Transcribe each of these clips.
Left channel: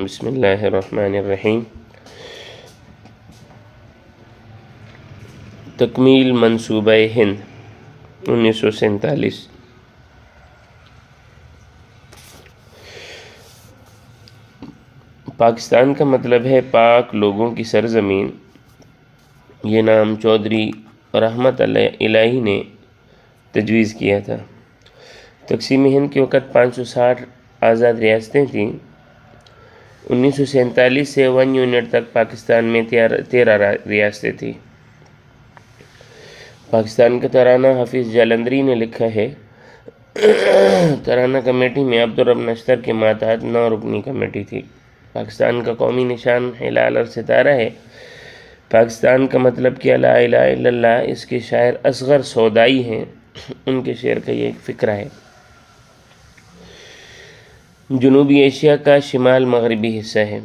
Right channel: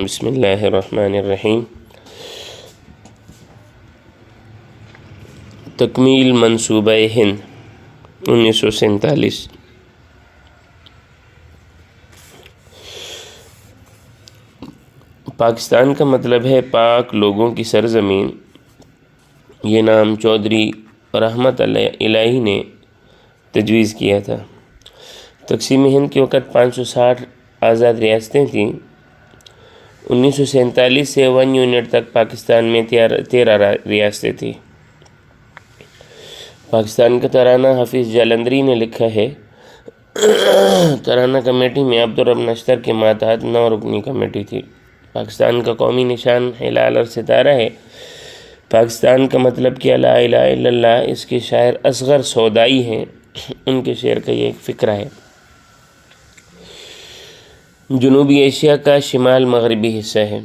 بسم اللہ الرحمن الرحیم۔ تکمیل منصوبہ ہند 1947۔ پاکستان کا مطلب ہے پاک لوگوں کی سرزمین۔ یہ نام چودھری رحمت الہی نے تجویز کیا تھا۔ تقسیم ہند کے وقت 560 آزاد ریاستیں تھیں۔ 1947 سے 1 یونٹ تک پاکستان میں 13 ریاستیں تھیں۔ پاکستان کا ترانہ حفیظ جالندھری نے لکھا ہے۔ ترانہ کمیٹی میں عبدالرب نشتر کے ماتحت 9 رکنی کمیٹی تھی۔ پاکستان کا قومی نشان ہلال اور ستارہ ہے۔ پاکستان کا مطلب کیا لا الہ الا اللہ۔ اس کے شاعر اصغر سودائی ہیں۔ ان کے شعر کا یہ ایک فقرہ ہے۔ جنوبی ایشیا کا شمال مغربی حصہ ہے۔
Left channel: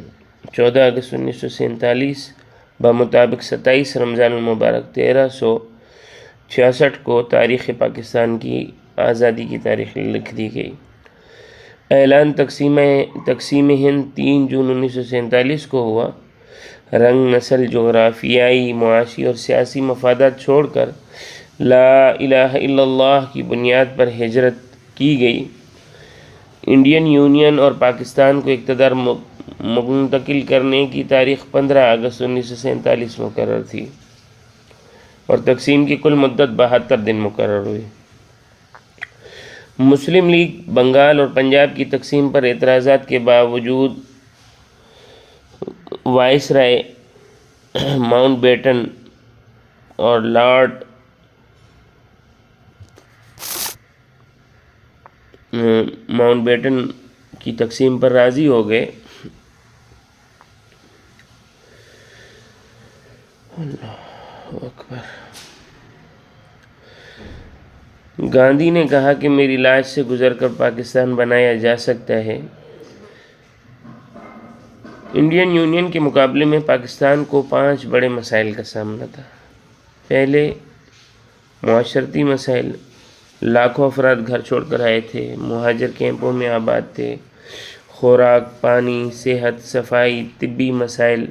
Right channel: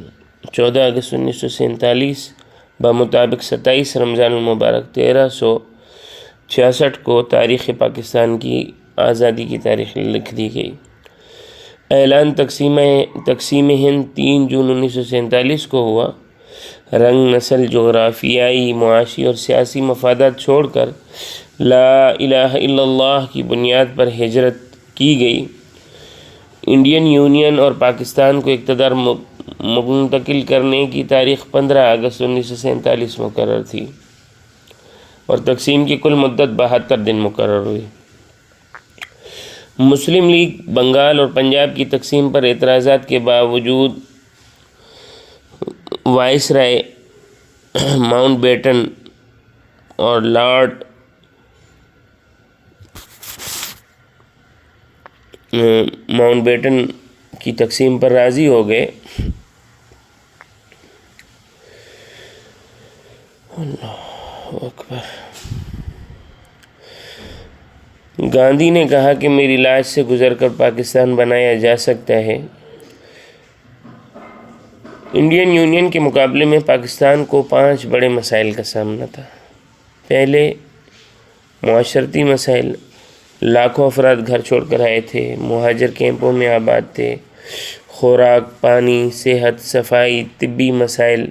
14 اگست 1947 بمطابق 27 رمضان المبارک 1366 کو تاریخ پاکستان کی آزادی کی تاریخ لکھ دی گئی۔ اعلان تقسیم ہند 3 جون 1947 کو ہوا۔ رنگ، نسل، جغرافیائی، معاشی اور سیاسی مفادات چھوڑ کر لا الہ الا اللہ کی بنیاد پر ہجرت کی گئی۔ انڈین یونین اور پاکستان کو اقتدار منتقل کرنے کی تاریخ 15 اگست 1947 مقرر تھی اور تقسیم کی کل مدت 72 دن مقرر ہوئی۔ مسلم لیگ بنگال اور پنجاب کی تقسیم پر اعتراضات کے باوجود وائسرائے ماؤنٹ بیٹن اور لارڈ ماؤنٹ بیٹن کی تقسیم پر راضی ہو گئے۔ اللہ اکبر۔ گاندھی نے کہا کہ میری لاش سے گزر کر پاکستان بنایا جا سکتا ہے۔ انڈین یونین کے مقابلے میں پاکستان کو 5 بڑے مسائل کا سامنا تھا۔ پہلے، معاشرتی مسائل۔ لاکھوں افراد گھر چھوڑ کر آئے تھے، مہاجر کیمپوں میں آباد تھے۔ خوراک، پانی، صحت، صفائی، طبی مسائل۔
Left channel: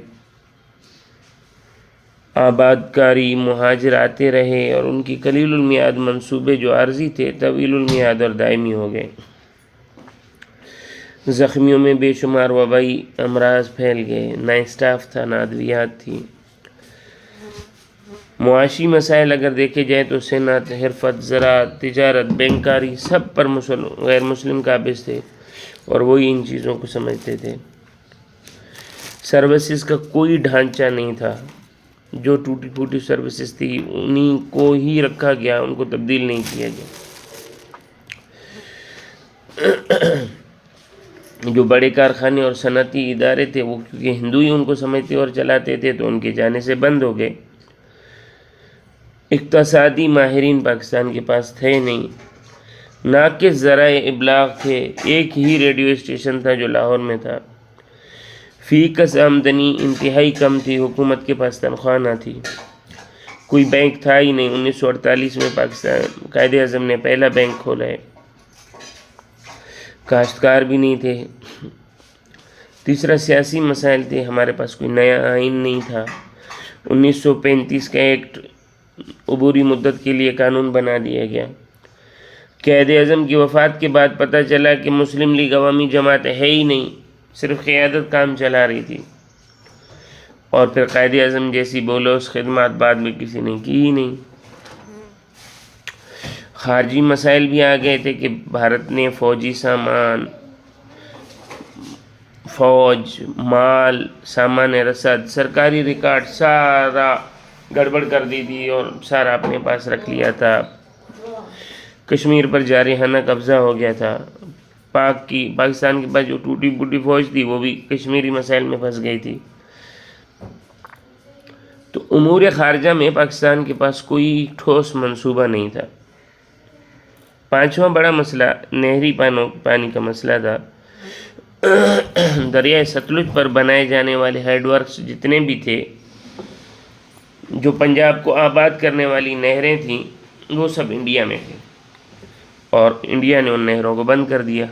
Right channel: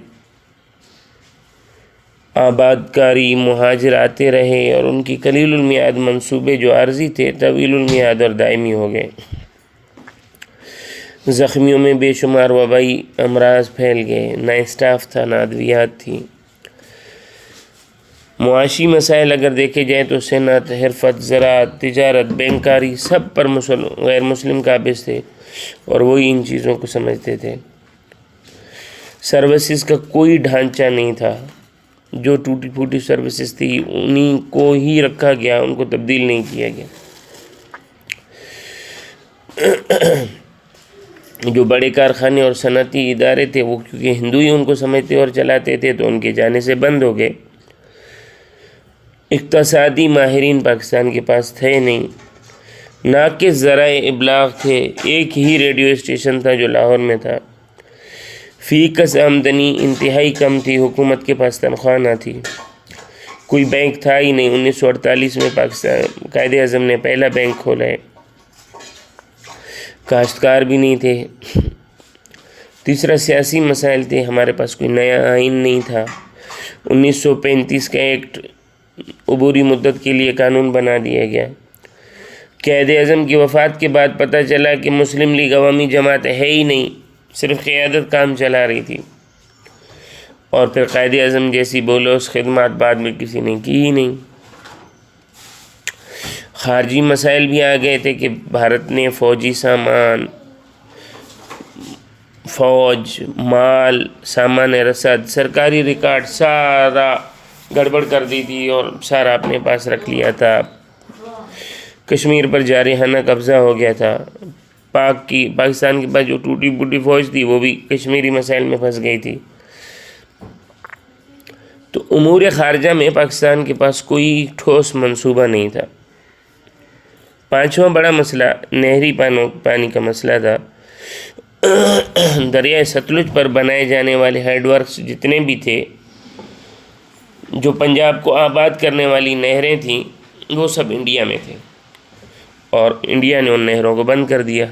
آباد کاری، مہاجر آتے رہے اور ان کی قلیل المیعاد منصوبے جو عارضی تھے طویل المیعاد اور دائمی ہو گئے۔ زخمیوں میں بے شمار وبائی امراض پھیل گئے، نہ اسٹاف تھا، نہ ادویات تھی۔ معاشی مسائل اگر دیکھے جائیں تو صنعت، حرفت، زراعت، تجارت، بینکاری سب پر غیر مسلم قابض تھے اور وہی ان چیزوں کو سمجھتے تھے۔ سروسز کا کوئی ڈھانچہ نہیں تھا۔ جو ٹوٹی پھوٹی سروسز تھی انہی کو ہی رکھا گیا، ان کو تبدیل نہیں کیا گیا۔ جو بڑے کارخانے اور صنعتی ادارے تھے وہ کیونکہ ہندو ہی ان کو سمجھتے اور چلاتے تھے تو ان کے جانے سے بند ہو گئے۔ اقتصادی ماہرین پاکستان کے پاس تھے نہیں۔ ناقص ذرائع ابلاغ تھے۔ ایک ہی ریڈیو اسٹیشن تھا جو لاہور میں تھا۔ فی کس آمدنی انتہائی کم تھی۔ حکومت کے پاس تنخواہ نہ تھی۔ کوئی بینک تھا ہی نہیں۔ 1948 میں پاکستان قائد اعظم نے پہلا بینک کھولا ہے۔ کاشتکار بھی نہیں تھے۔ تیسرا، سیاسی مسائل تھے۔ ہمارے پاس کوئی نیا آئین نہیں تھا۔ 1935 کا ایکٹ عبوری مدت کے لیے قانون بنا دیا گیا۔ قائد اعظم کی وفات کے بعد پتہ چلا کہ مسلم لیگ عوامی جماعت ہے ہی نہیں، صرف قیادت کام چلا رہی تھی، اور پھر قائد اعظم جیسی بولوس خدمات بعد میں کسی نے کی ہی نہیں۔ خارجی مسائل بھی آ گئے تھے کہ بھارت نے فوجی سامان، فوج، مال، سامان رسد، سرکاری ریکارڈ سارا گڑبڑ کر دی تھی اور سارا اپنے پاس رکھ لیا تھا۔ کشمیر پر جارحانہ قبضہ ہو گیا تھا۔ پاکستان کے پاس جو ٹوٹی پھوٹی فوج تھی وہ بھی کشمیری مسائل میں پھنس گئی تھی۔ تو امور خارجہ میں پاکستان کے پاس کوئی ٹھوس منصوبہ نہیں تھا۔ 5واں بڑا مسئلہ نہری پانی کا مسئلہ تھا۔ دریائے ستلج پر بنائے جانے والے ہیڈ ورکس جتنے بھی تھے، جو پنجاب کو آباد کرنے والی نہریں تھیں، وہ سب انڈیا میں تھے اور انڈیا نے ان نہروں کو بند کر دیا۔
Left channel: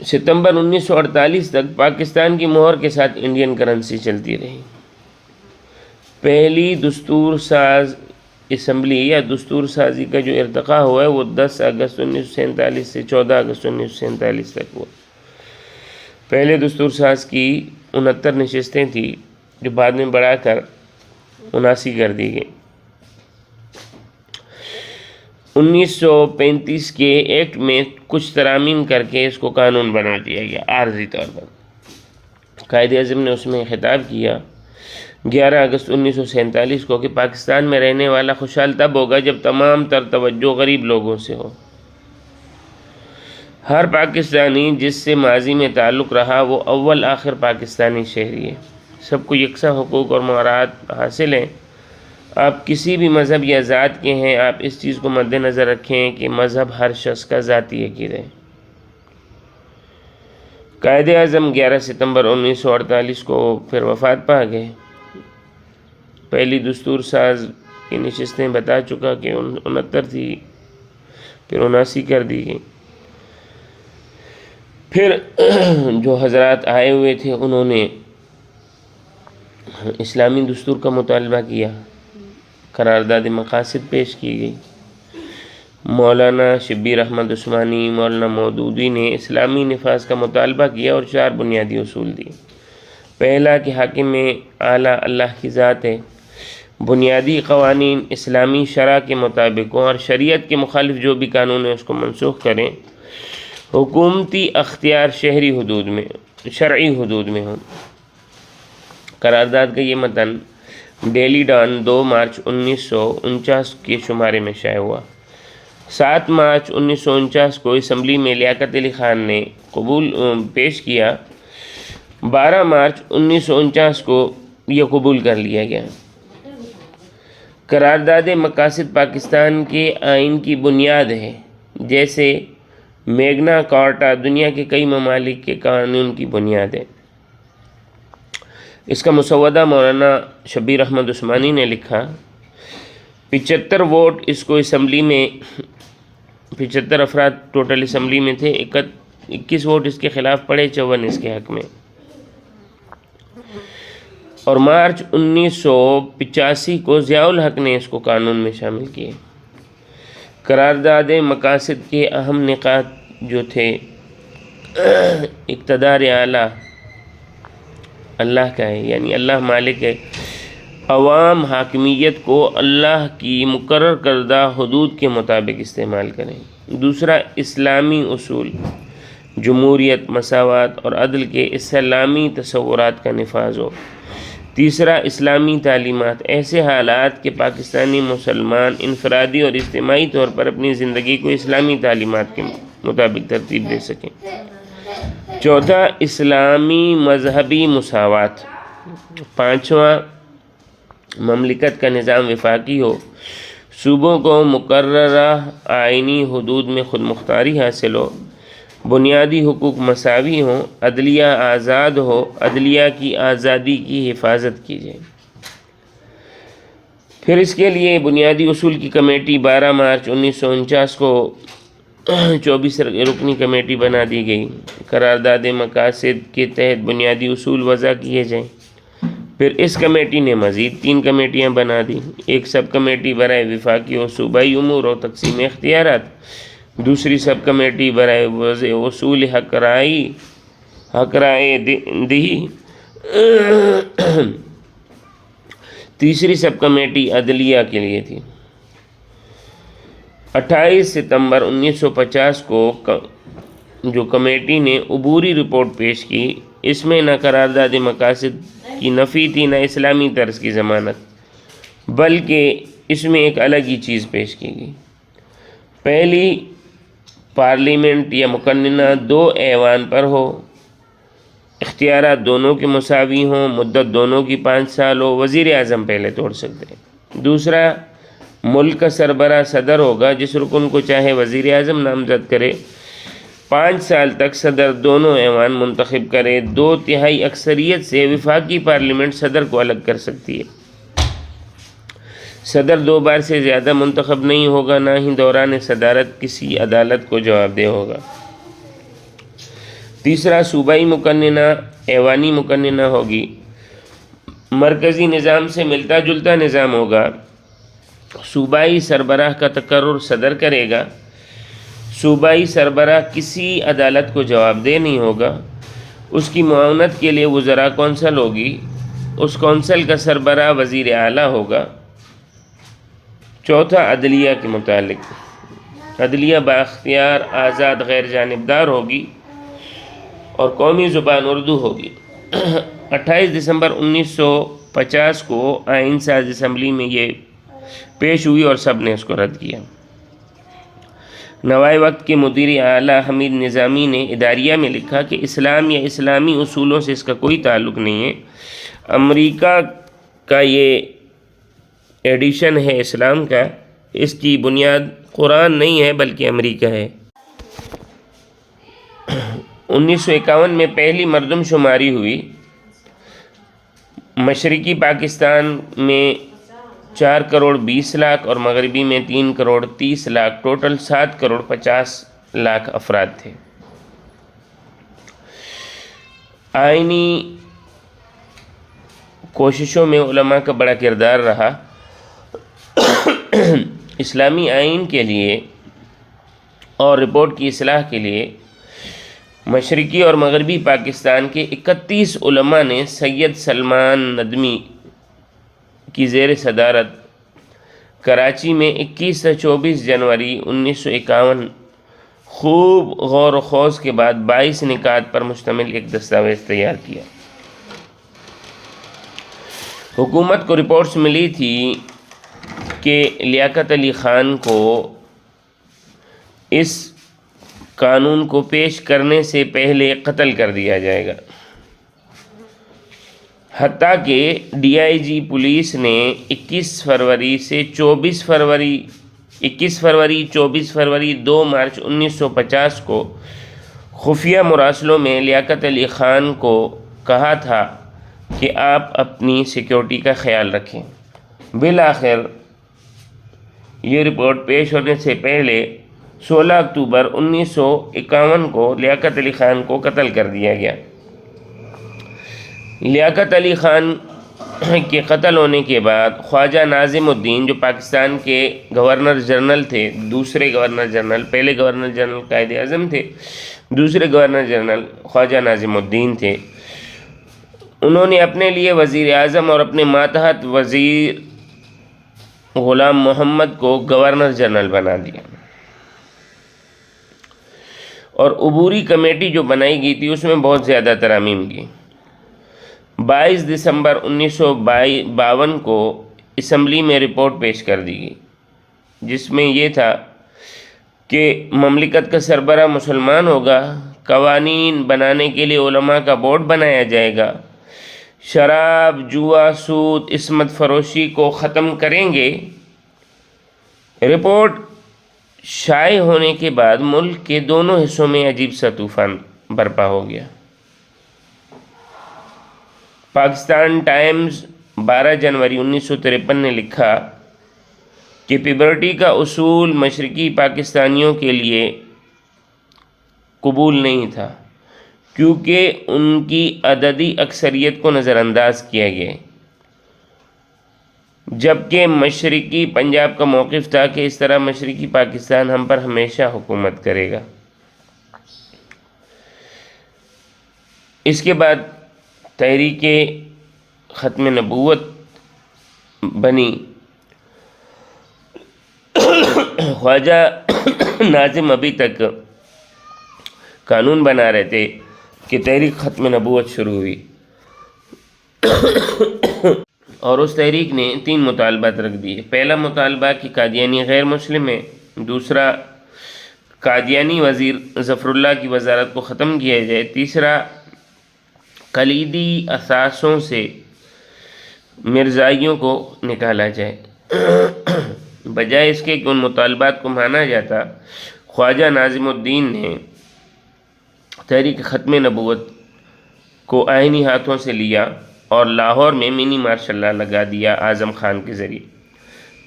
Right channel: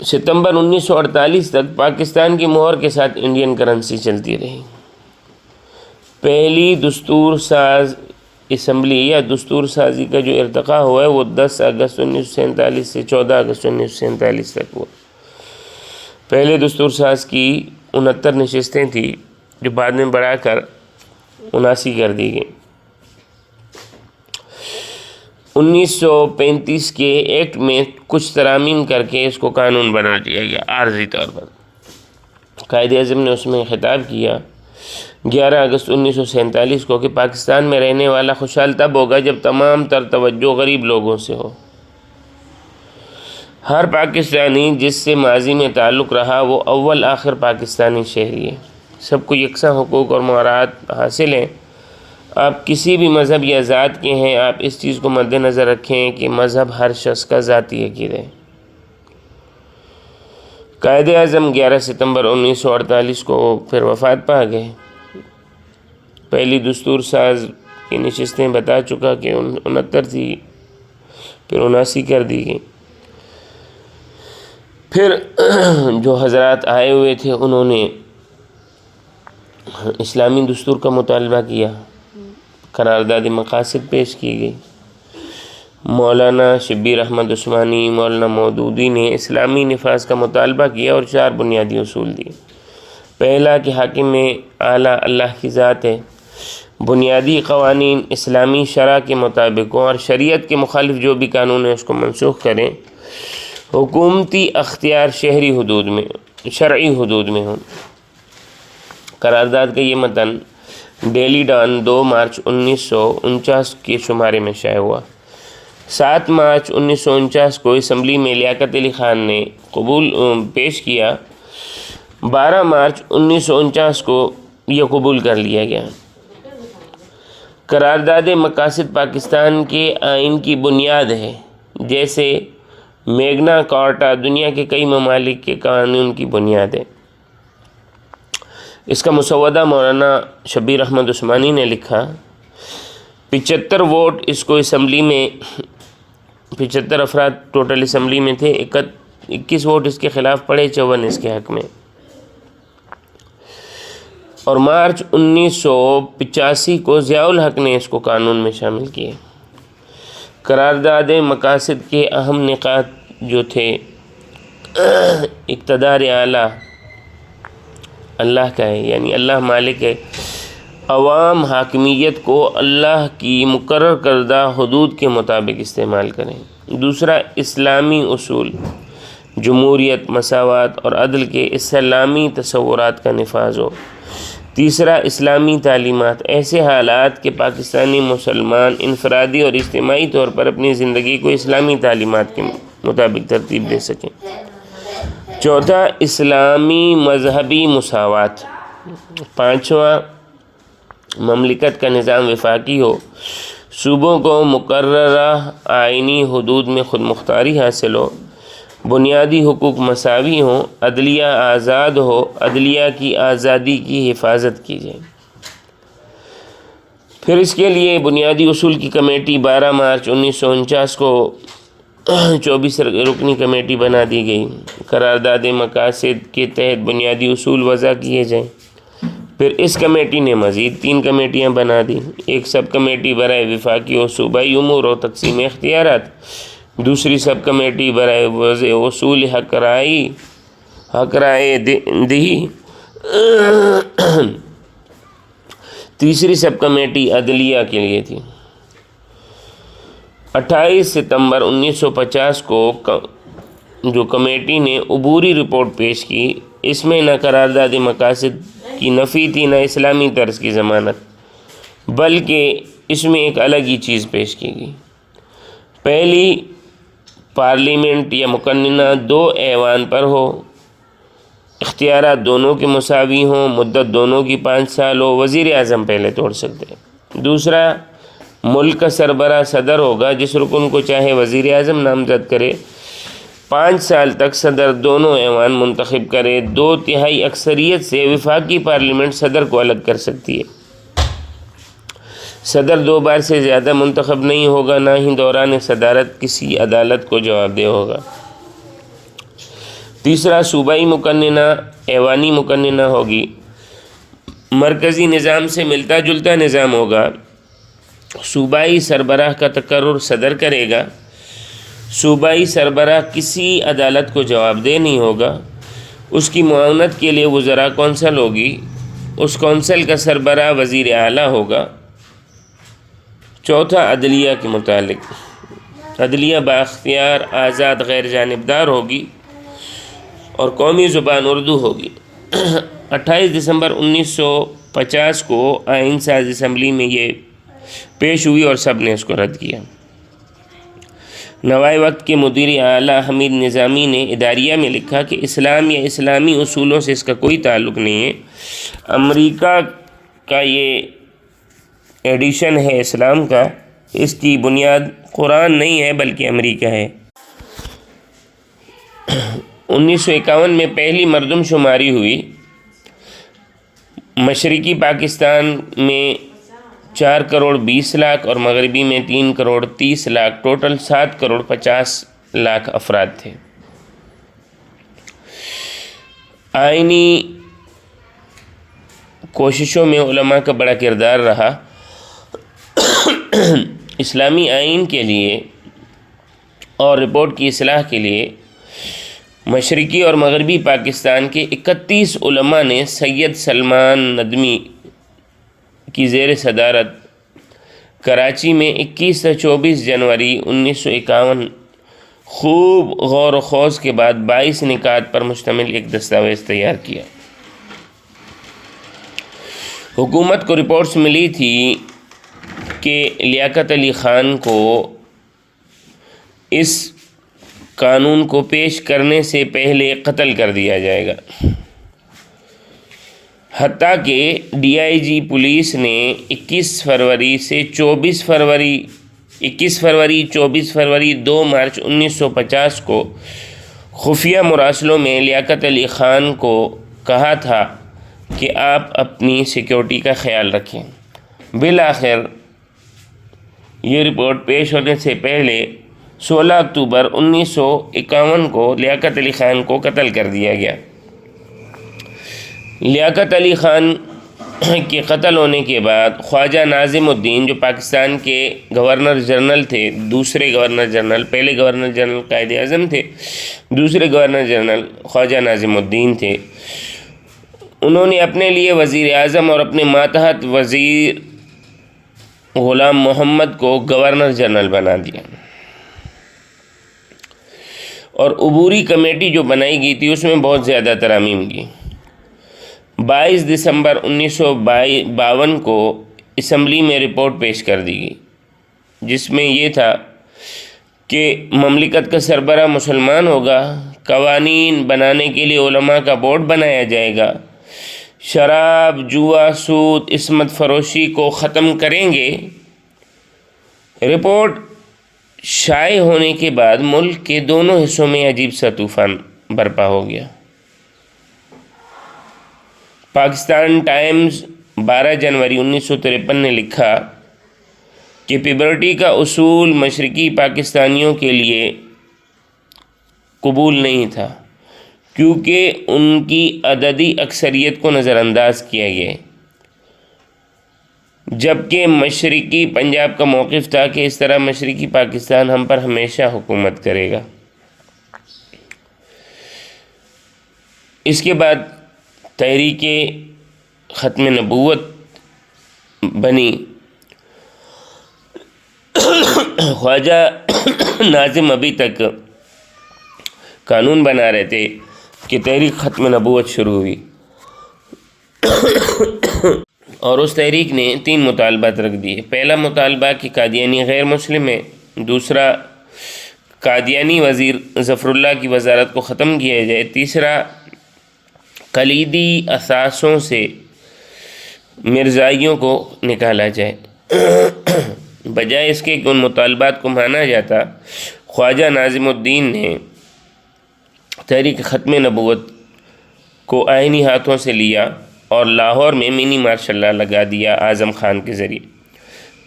ستمبر 1948 تک پاکستان کی مہر کے ساتھ انڈین کرنسی چلتی رہی۔ پہلی دستور ساز اسمبلی یا دستور سازی کا جو ارتقاء ہوا ہے وہ 10 اگست 1947 سے 14 اگست 1947 تک ہوا۔ پہلے دستور ساز کی 69 نشستیں تھیں جو بعد میں بڑھا کر 79 کر دی گئی۔ 1935 کے ایکٹ میں کچھ ترامیم کر کے اس کو قانون بنا دیا گیا عارضی طور پر۔ قائد اعظم نے اس میں خطاب کیا 11 اگست 1947 کو کہ پاکستان میں رہنے والا خوشحال تب ہوگا جب تمام تر توجہ غریب لوگوں سے ہو۔ ہر پاکستانی جس سے ماضی میں تعلق رہا وہ اول آخر پاکستانی شہری ہے۔ سب کو یکساں حقوق اور مراعات حاصل ہیں۔ آپ کسی بھی مذہب یا ذات کے ہیں، آپ اس چیز کو مد نظر رکھیں کہ مذہب ہر شخص کا ذاتی عقیدہ ہے۔ قائد اعظم 11 ستمبر 1948 کو پھر وفات پا گئے۔ پہلی دستور ساز کی نشستیں بتا چکا کہ 69 تھی، پھر 79 کر دی گئی۔ پھر جو حضرات آئے ہوئے تھے انہوں نے اسلامی دستور کا مطالبہ کیا، قرارداد مقاصد پیش کی گئی۔ مولانا شبیر احمد عثمانی، مولانا مودودی نے اسلامی نفاذ کا مطالبہ کیا اور 4 بنیادی اصول دیے۔ پہلا کہ حاکم اعلیٰ اللہ کی ذات ہے، بنیادی قوانین اسلامی شرع کے مطابق ہوں اور شریعت کے مخالف جو بھی قانون ہے اس کو منسوخ کریں، حکومتی اختیار شہری حدود میں شرعی حدود میں ہوں۔ قرارداد کا یہ متن ڈیلی ڈان 2 مارچ 1949 کے شمارے میں شائع ہوا۔ 7 مارچ 1949 کو اسمبلی میں لیاقت علی خان نے پیش کیا۔ 12 مارچ 1949 کو یہ قبول کر لیا گیا۔ قرارداد مقاصد پاکستان کے آئین کی بنیاد ہے، جیسے میگنا کارٹا دنیا کے کئی ممالک کے قانون کی بنیاد ہے۔ اس کا مسودہ مولانا شبیر احمد عثمانی نے لکھا۔ 75 ووٹ اس کو اسمبلی میں 75 افراد ٹوٹل اسمبلی میں تھے، 21 ووٹ اس کے خلاف پڑے، 54 اس کے حق میں۔ اور مارچ 1985 کو ضیاء الحق نے اس کو قانون میں شامل کیے۔ قرارداد مقاصد کے اہم نکات جو تھے، اقتدار اعلیٰ اللہ کا ہے، یعنی اللہ مالک ہے، عوام حاکمیت کو اللہ کی مقرر کردہ حدود کے مطابق استعمال کریں۔ دوسرا، اسلامی اصول، جمہوریت، مساوات اور عدل کے اسلامی تصورات کا نفاذ ہو۔ تیسرا، اسلامی تعلیمات، ایسے حالات کہ پاکستانی مسلمان انفرادی اور اجتماعی طور پر اپنی زندگی کو اسلامی تعلیمات کے مطابق ترتیب دے سکیں۔ چوتھا، اسلامی مذہبی مساوات۔ پانچواں، مملکت کا نظام وفاقی ہو، صوبوں کو مقررہ آئینی حدود میں خود مختاری حاصل ہو، بنیادی حقوق مساوی ہوں، عدلیہ آزاد ہو، عدلیہ کی آزادی کی حفاظت کی جائے۔ پھر اس کے لیے بنیادی اصول کی کمیٹی 12 مارچ 1949 کو 24 رکنی کمیٹی بنا دی گئی۔ قرارداد مقاصد کے تحت بنیادی اصول وضع کیے جائیں۔ پھر اس کمیٹی نے مزید 3 کمیٹیاں بنا دی، ایک سب کمیٹی برائے وفاقی و صوبائی امور و تقسیم اختیارات، دوسری سب کمیٹی برائے وضع اصول حق رائے دہی، تیسری سب کمیٹی عدلیہ کے لیے تھی۔ 28 ستمبر 1950 کو جو کمیٹی نے عبوری رپورٹ پیش کی، اس میں نہ قرارداد مقاصد کی نفی تھی نہ اسلامی طرز کی ضمانت، بلکہ اس میں ایک الگ ہی چیز پیش کی گئی۔ پہلی، پارلیمنٹ یا مقننہ 2 ایوان پر ہو، اختیارات دونوں کے مساوی ہوں، مدت دونوں کی 5 سال ہو، وزیر اعظم پہلے توڑ سکتے ہیں۔ دوسرا، ملک کا سربراہ صدر ہوگا، جس رکن کو چاہے وزیر اعظم نامزد کرے، 5 سال تک صدر دونوں ایوان منتخب کرے، 2/3 اکثریت سے وفاقی پارلیمنٹ صدر کو الگ کر سکتی ہے۔ صدر 2 بار سے زیادہ منتخب نہیں ہوگا، نہ ہی دوران صدارت کسی عدالت کو جواب دہ ہوگا۔ تیسرا صوبائی مقننہ ایوانی مقننہ ہوگی، مرکزی نظام سے ملتا جلتا نظام ہوگا، صوبائی سربراہ کا تقرر صدر کرے گا، صوبائی سربراہ کسی عدالت کو جواب دہ نہیں ہوگا، اس کی معاونت کے لیے وزراء کونسل ہوگی، اس کونسل کا سربراہ وزیر اعلیٰ ہوگا۔ چوتھا عدلیہ کے متعلق، عدلیہ بااختیار آزاد غیر جانبدار ہوگی اور قومی زبان اردو ہوگی۔ 28 دسمبر 1950 کو آئین ساز اسمبلی میں یہ پیش ہوئی اور سب نے اس کو رد کیا۔ نوائے وقت کے مدیر اعلیٰ حمید نظامی نے اداریہ میں لکھا کہ اسلام یا اسلامی اصولوں سے اس کا کوئی تعلق نہیں ہے، امریکہ کا یہ ایڈیشن ہے اسلام کا، اس کی بنیاد قرآن نہیں ہے بلکہ امریکہ ہے۔ 1951 میں پہلی مردم شماری ہوئی، مشرقی پاکستان میں 4 کروڑ 20 لاکھ اور مغربی میں 3 کروڑ 30 لاکھ، ٹوٹل 7 کروڑ 50 لاکھ افراد تھے۔ آئینی کوششوں میں علماء کا بڑا کردار رہا۔ اسلامی آئین کے لیے اور رپورٹ کی اصلاح کے لیے مشرقی اور مغربی پاکستان کے 31 علماء نے سید سلمان ندوی کی زیر صدارت کراچی میں 21 سے 24 جنوری 1951 خوب غور و خوض کے بعد 22 نکات پر مشتمل ایک دستاویز تیار کیا۔ حکومت کو رپورٹس ملی تھی کہ لیاقت علی خان کو اس قانون کو پیش کرنے سے پہلے قتل کر دیا جائے گا، حتیٰ کہ ڈی آئی جی پولیس نے 21 فروری 24 فروری 2 مارچ 1950 کو خفیہ مراسلوں میں لیاقت علی خان کو کہا تھا کہ آپ اپنی سیکیورٹی کا خیال رکھیں۔ بالآخر یہ رپورٹ پیش ہونے سے پہلے 16 اکتوبر 1951 کو لیاقت علی خان کو قتل کر دیا گیا۔ لیاقت علی خان کے قتل ہونے کے بعد خواجہ ناظم الدین، جو پاکستان کے گورنر جنرل تھے، دوسرے گورنر جنرل، پہلے گورنر جنرل قائد اعظم تھے، دوسرے گورنر جنرل خواجہ ناظم الدین تھے، انہوں نے اپنے لیے وزیر اعظم اور اپنے ماتحت وزیر غلام محمد کو گورنر جنرل بنا دیا، اور عبوری کمیٹی جو بنائی گئی تھی اس میں بہت زیادہ ترامیم کی۔ 22 دسمبر 1952 کو اسمبلی میں رپورٹ پیش کر دی گئی، جس میں یہ تھا کہ مملکت کا سربراہ مسلمان ہوگا، قوانین بنانے کے لیے علماء کا بورڈ بنایا جائے گا، شراب، جوا، سود، عصمت فروشی کو ختم کریں گے۔ رپورٹ شائع ہونے کے بعد ملک کے دونوں حصوں میں عجیب سا طوفان برپا ہو گیا۔ پاکستان ٹائمز 12 جنوری 1953 نے لکھا کہ پیبرٹی کا اصول مشرقی پاکستانیوں کے لیے قبول نہیں تھا، کیونکہ ان کی عددی اکثریت کو نظر انداز کیا گیا، جبکہ مشرقی پنجاب کا موقف تھا کہ اس طرح مشرقی پاکستان ہم پر ہمیشہ حکومت کرے گا۔ اس کے بعد تحریک ختم نبوت بنی۔ خواجہ ناظم ابھی تک قانون بنا رہے تھے کہ تحریک ختم نبوت شروع ہوئی، اور اس تحریک نے 3 مطالبات رکھ دیے۔ پہلا مطالبہ کہ قادیانی غیر مسلم ہے، دوسرا قادیانی وزیر ظفر اللہ کی وزارت کو ختم کیا جائے، تیسرا کلیدی اثاثوں سے مرزائیوں کو نکالا جائے۔ بجائے اس کے کہ ان مطالبات کو مانا جاتا، خواجہ ناظم الدین نے تحریک ختم نبوت کو آئینی ہاتھوں سے لیا اور لاہور میں منی مارشل لا لگا دیا اعظم خان کے ذریعے۔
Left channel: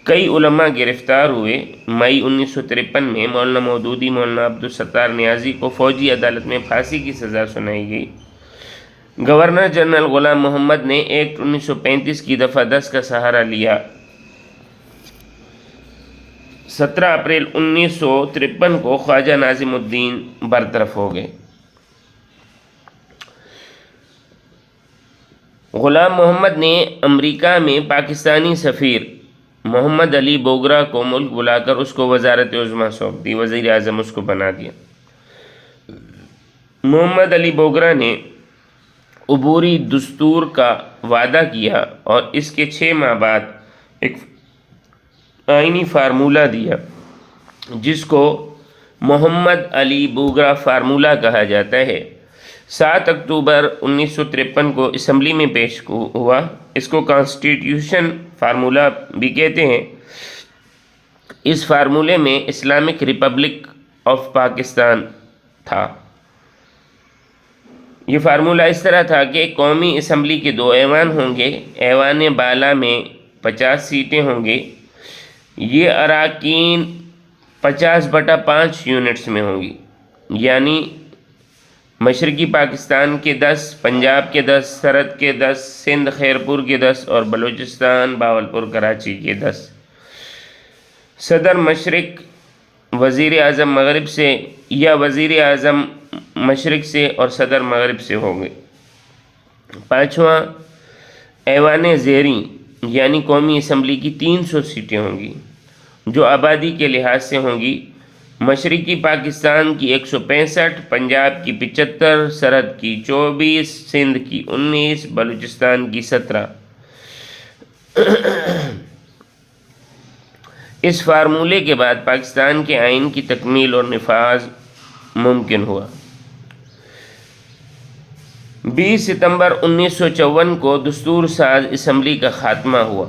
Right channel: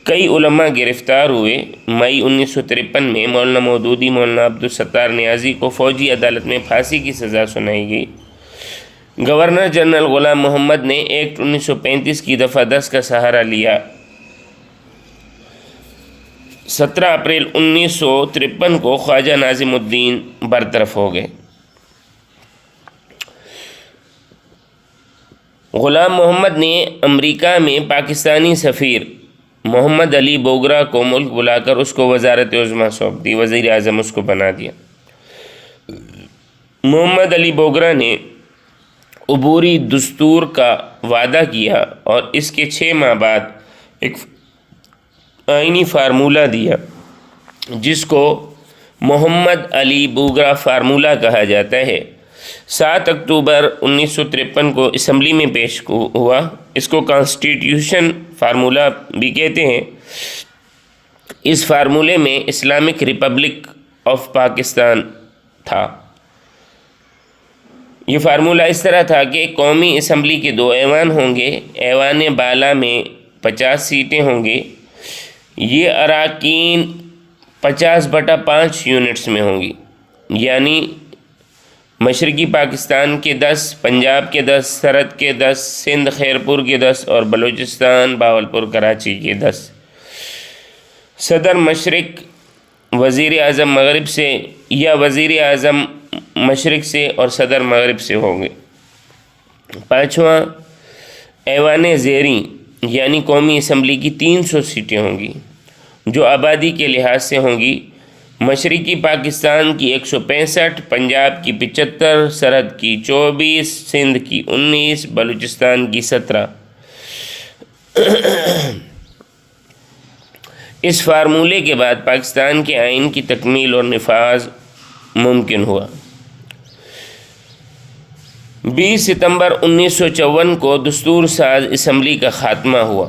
کئی علماء گرفتار ہوئے۔ مئی 1953 میں مولانا مودودی، مولانا عبدالستار نیازی کو فوجی عدالت میں پھانسی کی سزا سنائی گئی۔ گورنر جنرل غلام محمد نے ایکٹ 1935 کی دفعہ 10 کا سہارا لیا۔ 17 اپریل 1953 کو خواجہ ناظم الدین برطرف ہو گئے۔ غلام محمد نے امریکہ میں پاکستانی سفیر محمد علی بوگرا کو ملک بلا کر اس کو وزارت عظمیٰ سونپ دی، وزیر اعظم اس کو بنا دیا۔ محمد علی بوگرا نے عبوری دستور کا وعدہ کیا اور اس کے 6 ماہ بعد ایک آئینی فارمولہ دیا جس کو محمد علی بوگرا فارمولہ کہا جاتا ہے۔ 7 اکتوبر 1953 کو اسمبلی میں پیش ہوا۔ اس کو کانسٹیٹیوشن فارمولہ بھی کہتے ہیں۔ اس فارمولے میں اسلامک ریپبلک آف پاکستان تھا۔ یہ فارمولہ اس طرح تھا کہ قومی اسمبلی کے 2 ایوان ہوں گے، ایوان بالا میں 50 سیٹیں ہوں گی، یہ اراکین 50/5 یونٹس میں ہوں گی، یعنی مشرقی پاکستان کے 10، پنجاب کے 10، سرحد کے 10، سندھ خیرپور کے 10 اور بلوچستان باولپور کراچی کے 10۔ صدر مشرق وزیر اعظم مغرب سے یا وزیر اعظم مشرق سے اور صدر مغرب سے ہوں گے۔ 5واں ایوان زیریں یعنی قومی اسمبلی کی 300 سیٹیں ہوں گی جو آبادی کے لحاظ سے ہوں گی۔ مشرقی پاکستان کی 165، پنجاب کی 75، سرحد کی 24، سندھ کی 19، بلوچستان کی 17۔ اس فارمولے کے بعد پاکستان کے آئین کی تکمیل اور نفاذ ممکن ہوا۔ 20 ستمبر 1954 کو دستور ساز اسمبلی کا خاتمہ ہوا۔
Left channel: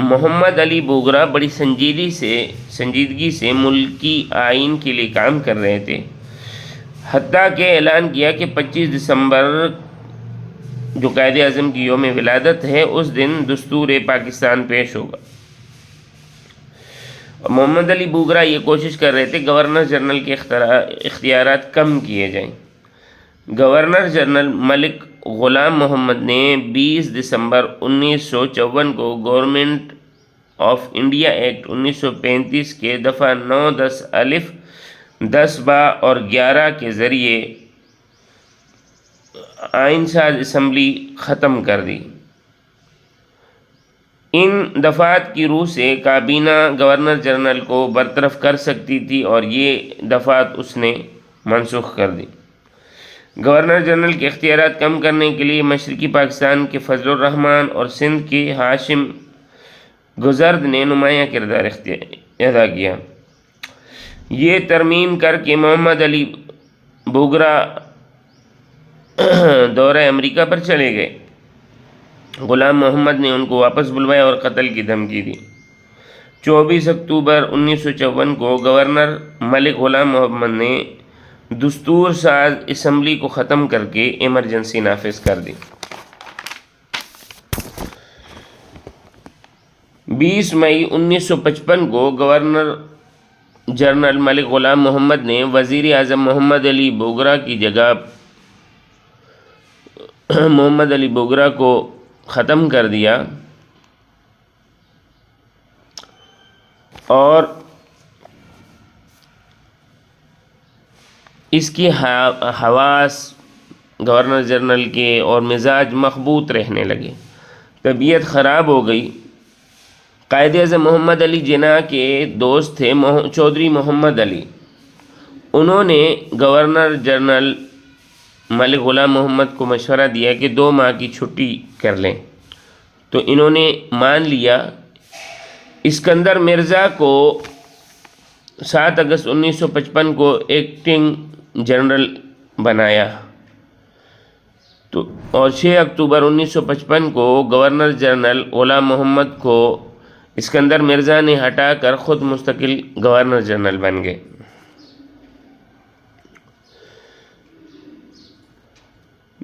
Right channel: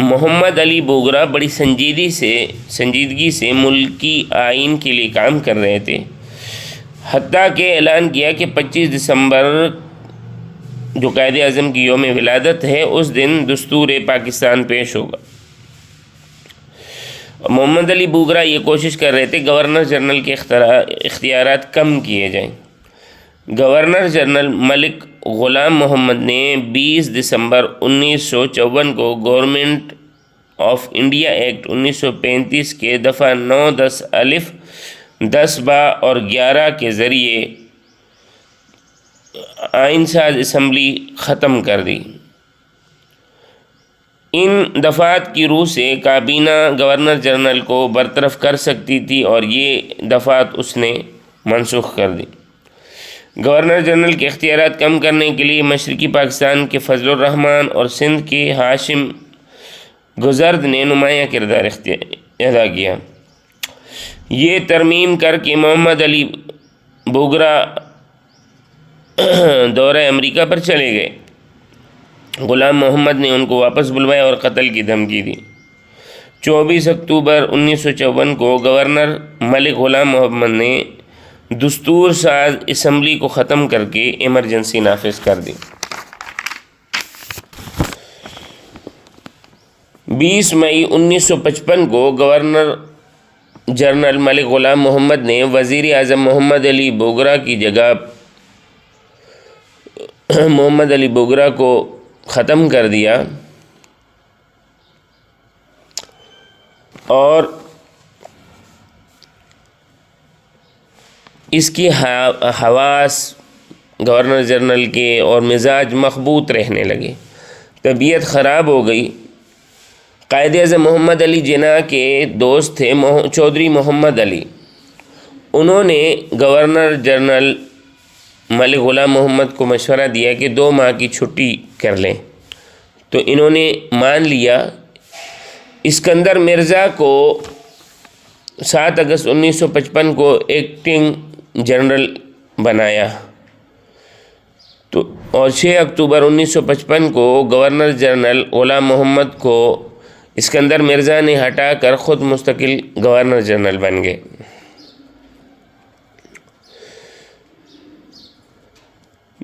محمد علی بوگرا بڑی سنجیدگی سے ملکی آئین کے لیے کام کر رہے تھے، حتیٰ کہ اعلان کیا کہ 25 دسمبر جو قائد اعظم کی یوم ولادت ہے اس دن دستور پاکستان پیش ہوگا۔ محمد علی بوگرا یہ کوشش کر رہے تھے گورنر جنرل کے اختیارات کم کیے جائیں۔ گورنر جنرل ملک غلام محمد نے 20 دسمبر 1954 کو گورنمنٹ آف انڈیا ایکٹ 1935 کے دفعہ 9، 10 الف، 10 با اور 11 کے ذریعے آئین ساز اسمبلی ختم کر دی۔ ان دفعات کی روح سے کابینہ گورنر جنرل کو برطرف کر سکتی تھی اور یہ دفعات اس نے منسوخ کر دی۔ گورنر جنرل کے اختیارات کم کرنے کے لیے مشرقی پاکستان کے فضل الرحمن اور سندھ کے ہاشم گزرد نے نمایاں کردار ادا کیا۔ یہ ترمیم کر کے محمد علی بوگرا دورہ امریکہ پر چلے گئے۔ غلام محمد نے ان کو واپس بلوایا اور قتل کی دھمکی دی۔ 24 اکتوبر 1954 کو گورنر ملک غلام محمد نے دستور ساز اسمبلی کو ختم کر کے ایمرجنسی نافذ کر دی۔ 20 مئی 1955 کو گورنر جنرل ملک غلام محمد نے وزیر اعظم محمد علی بوگرا کی جگہ محمد علی بوگرا کو ختم کر دیا اور اس کی حواس گورنر جنرل کے اور مزاج مخبوط رہنے لگے، طبیعت خراب ہو گئی۔ قائد اعظم محمد علی جناح کے دوست تھے چودھری محمد علی، انہوں نے گورنر جنرل ملک غلام محمد کو مشورہ دیا کہ 2 ماہ کی چھٹی کر لیں، تو انہوں نے مان لیا۔ اسکندر مرزا کو 7 اگست 1955 کو ایکٹنگ جنرل بنایا اور 6 اکتوبر 1955 کو گورنر جنرل غلام محمد کو اسکندر مرزا نے ہٹا کر خود مستقل گورنر جنرل بن گئے۔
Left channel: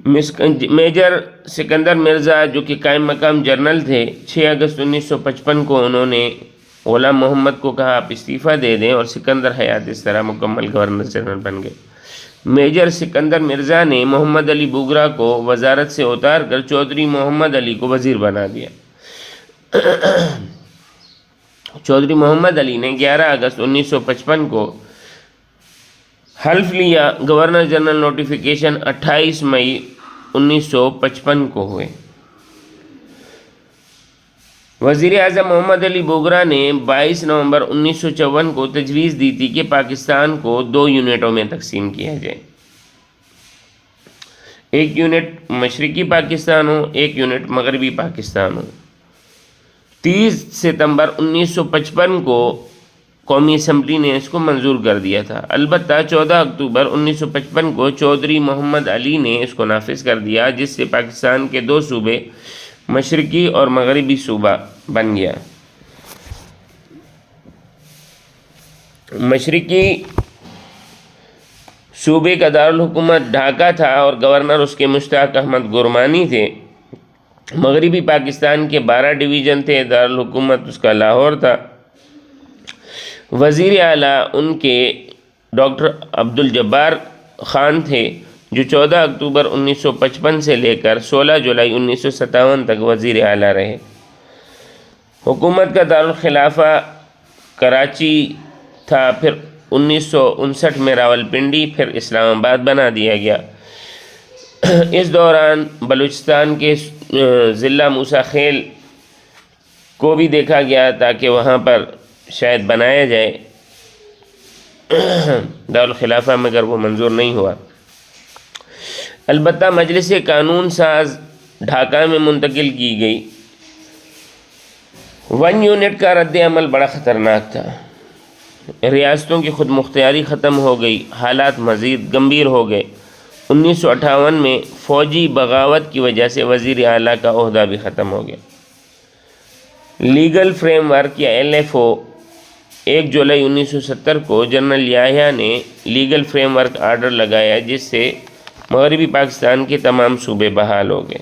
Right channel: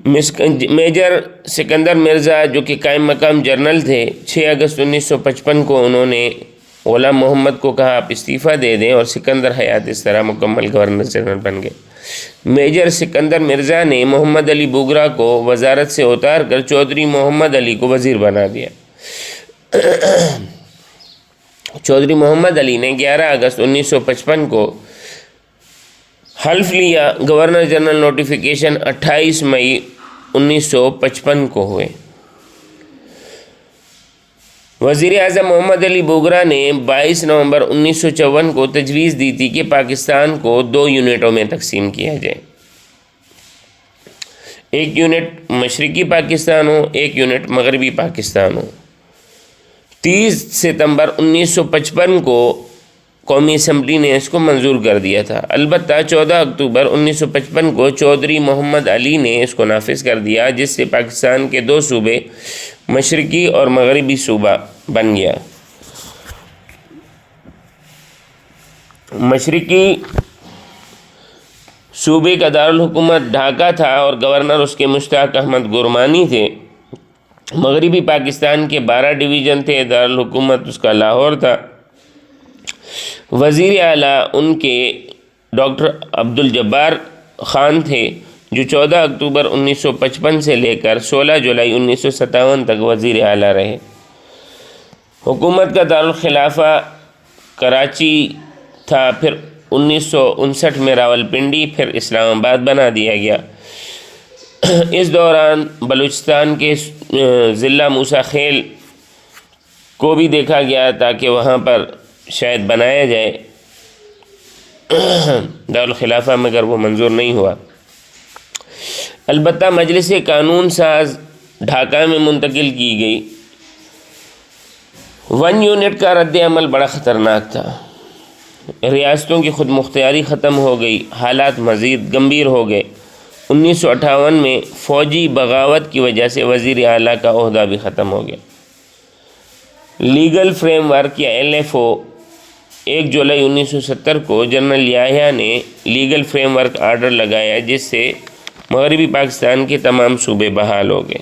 میجر سکندر مرزا جو کہ قائم مقام جنرل تھے، 6 اگست 1955 کو انہوں نے غلام محمد کو کہا آپ استعفیٰ دے دیں، اور سکندر حیات اس طرح مکمل گورنر جنرل بن گئے۔ میجر سکندر مرزا نے محمد علی بوگرا کو وزارت سے اتار کر چودھری محمد علی کو وزیر بنا دیا۔ چودھری محمد علی نے 11 اگست 1955 کو حلف لیا۔ گورنر جنرل نوٹیفیکیشن 28 مئی 1955 کو ہوئے۔ وزیر اعظم محمد علی بوگرا نے 22 نومبر 1954 کو تجویز دی تھی کہ پاکستان کو 2 یونٹوں میں تقسیم کیا جائے، ایک یونٹ مشرقی پاکستان ہو، ایک یونٹ مغربی پاکستان ہو۔ 30 ستمبر 1955 کو قومی اسمبلی نے اس کو منظور کر دیا تھا۔ البتہ 14 اکتوبر 1955 کو چودھری محمد علی نے اس کو نافذ کر دیا، جس سے پاکستان کے 2 صوبے مشرقی اور مغربی صوبہ بن گیا۔ مشرقی صوبے کا دارالحکومت ڈھاکہ تھا اور گورنر اس کے مشتاق احمد گورمانی تھے۔ مغربی پاکستان کے 12 ڈویژن تھے، دارالحکومت اس کا لاہور تھا۔ وزیر اعلیٰ ان کے ڈاکٹر عبدالجبار خان تھے، جو 14 اکتوبر 1955 سے لے کر 16 جولائی 1957 تک وزیر اعلیٰ رہے۔ حکومت کا دارالخلافہ کراچی تھا، پھر 1959 میں راولپنڈی، پھر اسلام آباد بنا دیا گیا۔ اس دوران بلوچستان کے ضلع موسیٰ خیل کو بھی دیکھا گیا تاکہ وہاں پر شاید بنایا جائے دارالخلافہ، مگر وہ منظور نہیں ہوا۔ البتہ مجلس قانون ساز ڈھاکہ میں منتقل کی گئی۔ 1 یونٹ کا رد عمل بڑا خطرناک تھا۔ ریاستوں کی خود مختاری ختم ہو گئی، حالات مزید گمبھیر ہو گئے۔ 1958 میں فوجی بغاوت کی وجہ سے وزیر اعلیٰ کا عہدہ بھی ختم ہو گیا۔ لیگل فریم ورک یا LFO 1 جولائی 1970 کو جنرل یحییٰ نے لیگل فریم ورک آرڈر لگایا، جس سے مغربی پاکستان کے تمام صوبے بحال ہو گئے۔